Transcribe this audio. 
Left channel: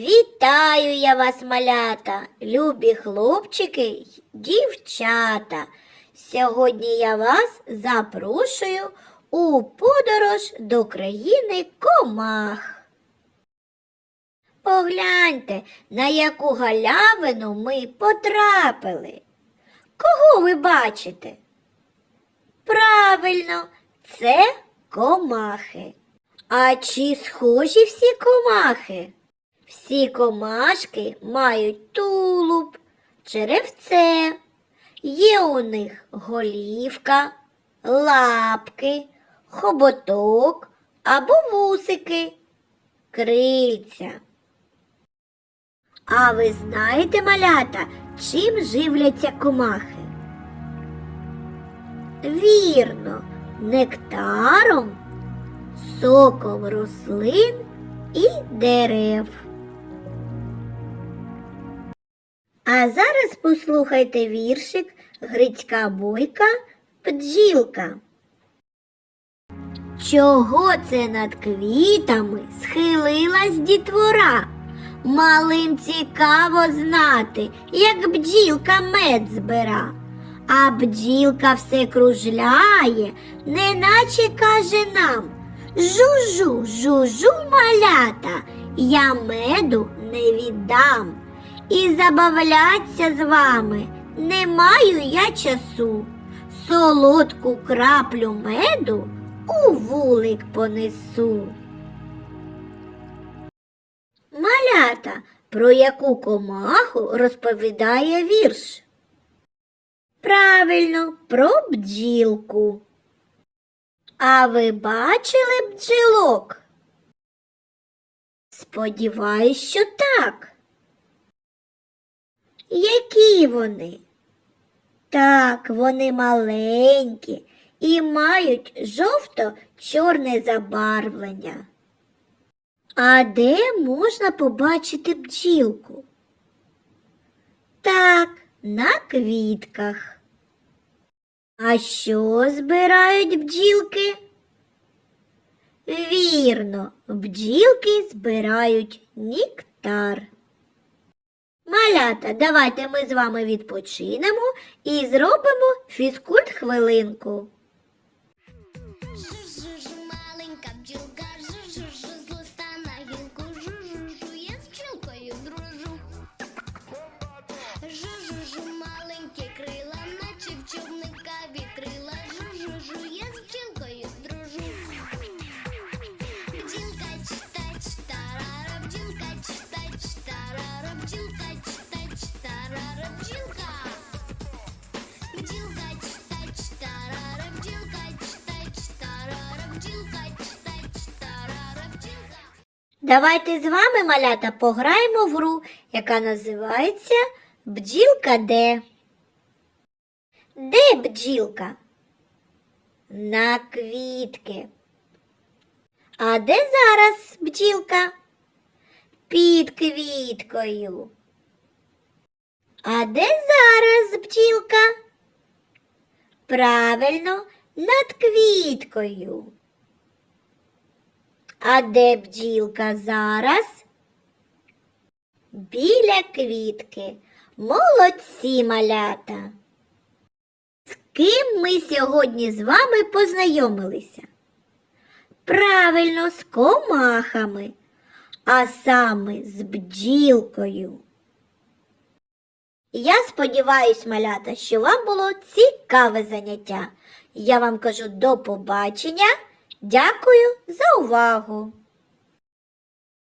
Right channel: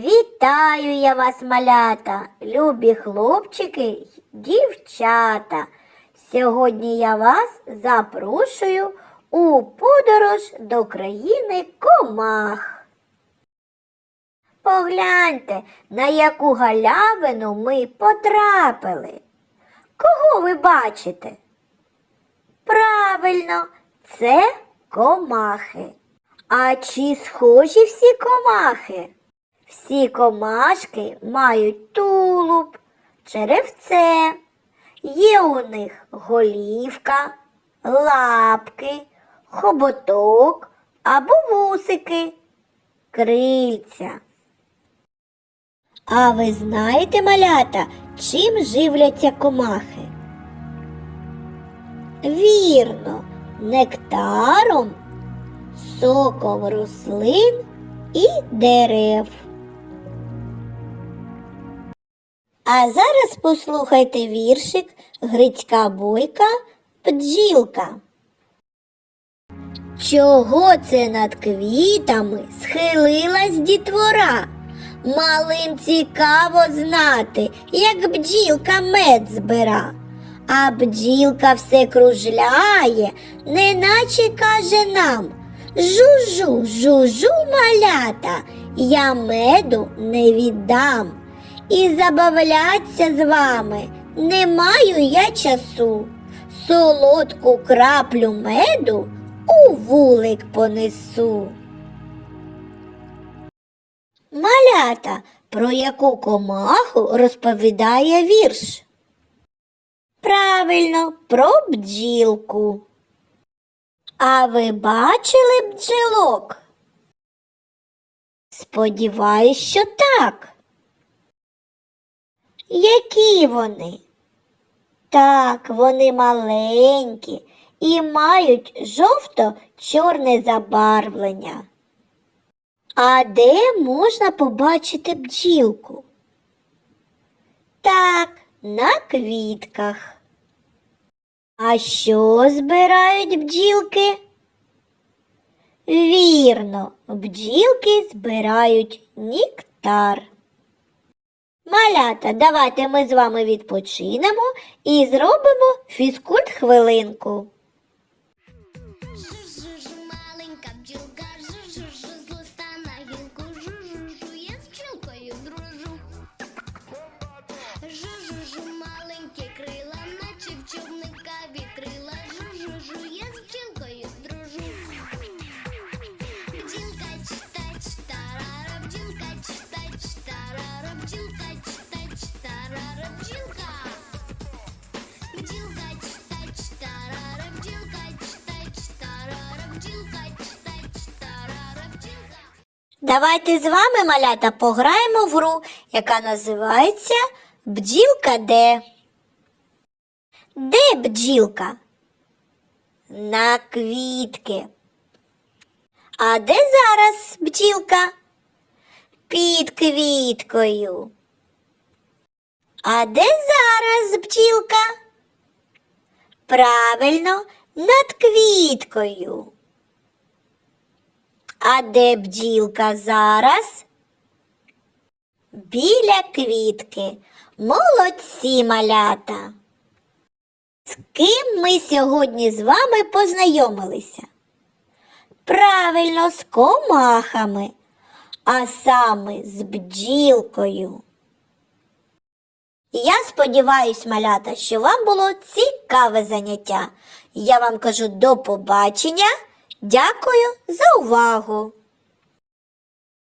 Вітаю я вас, малята, любі хлопчики дівчата. Сьогодні я вас запрошую у подорож до країни комах. Погляньте, на яку галявину ми потрапили. Кого ви бачите? Правильно, це комахи. А чи схожі всі комахи? Всі комашки мають тулуб, черевце. Є у них голівка, лапки, хоботок або вусики, крильця. А ви знаєте, малята, чим живляться комахи? Вірно, нектаром, соком рослин і дерев. А зараз послухайте віршик Грицька бойка бджілка. Чого це над квітами схилилась дітвора? Малим цікаво знати, як бджілка мед збира. А бджілка все кружляє, неначе каже нам Жужу, жужу, малята, я меду не віддам. І забавляться з вами не маю я часу. Солодку краплю меду у вулик понесу. Малята, про яку комаху розповідає вірш? Правильно, про бджілку. А ви бачили бджілок? Сподіваюсь, що так. Які вони? Так, вони маленькі і мають жовто-чорне забарвлення. А де можна побачити бджілку? Так, на квітках. А що збирають бджілки? Вірно, бджілки збирають нектар. Малята, давайте ми з вами відпочинемо і зробимо фізкульт хвилинку. Бджілка читач, тарара, бджілка. Бджілка читач, тарара, бджілка читач, тарара, бджілка читач, тарара, бджілка. Давайте з вами, малята, пограємо в гру, яка називається Бджілка де. Де бджілка? На квітки. А де зараз бджілка? Під квіткою. А де зараз бджілка? Правильно, над квіткою. А де бджілка зараз? Біля квітки. Молодці малята. З ким ми сьогодні з вами познайомилися? Правильно, з комахами, а саме з бджілкою. Я сподіваюсь, малята, що вам було цікаве заняття. Я вам кажу до побачення. Дякую за увагу!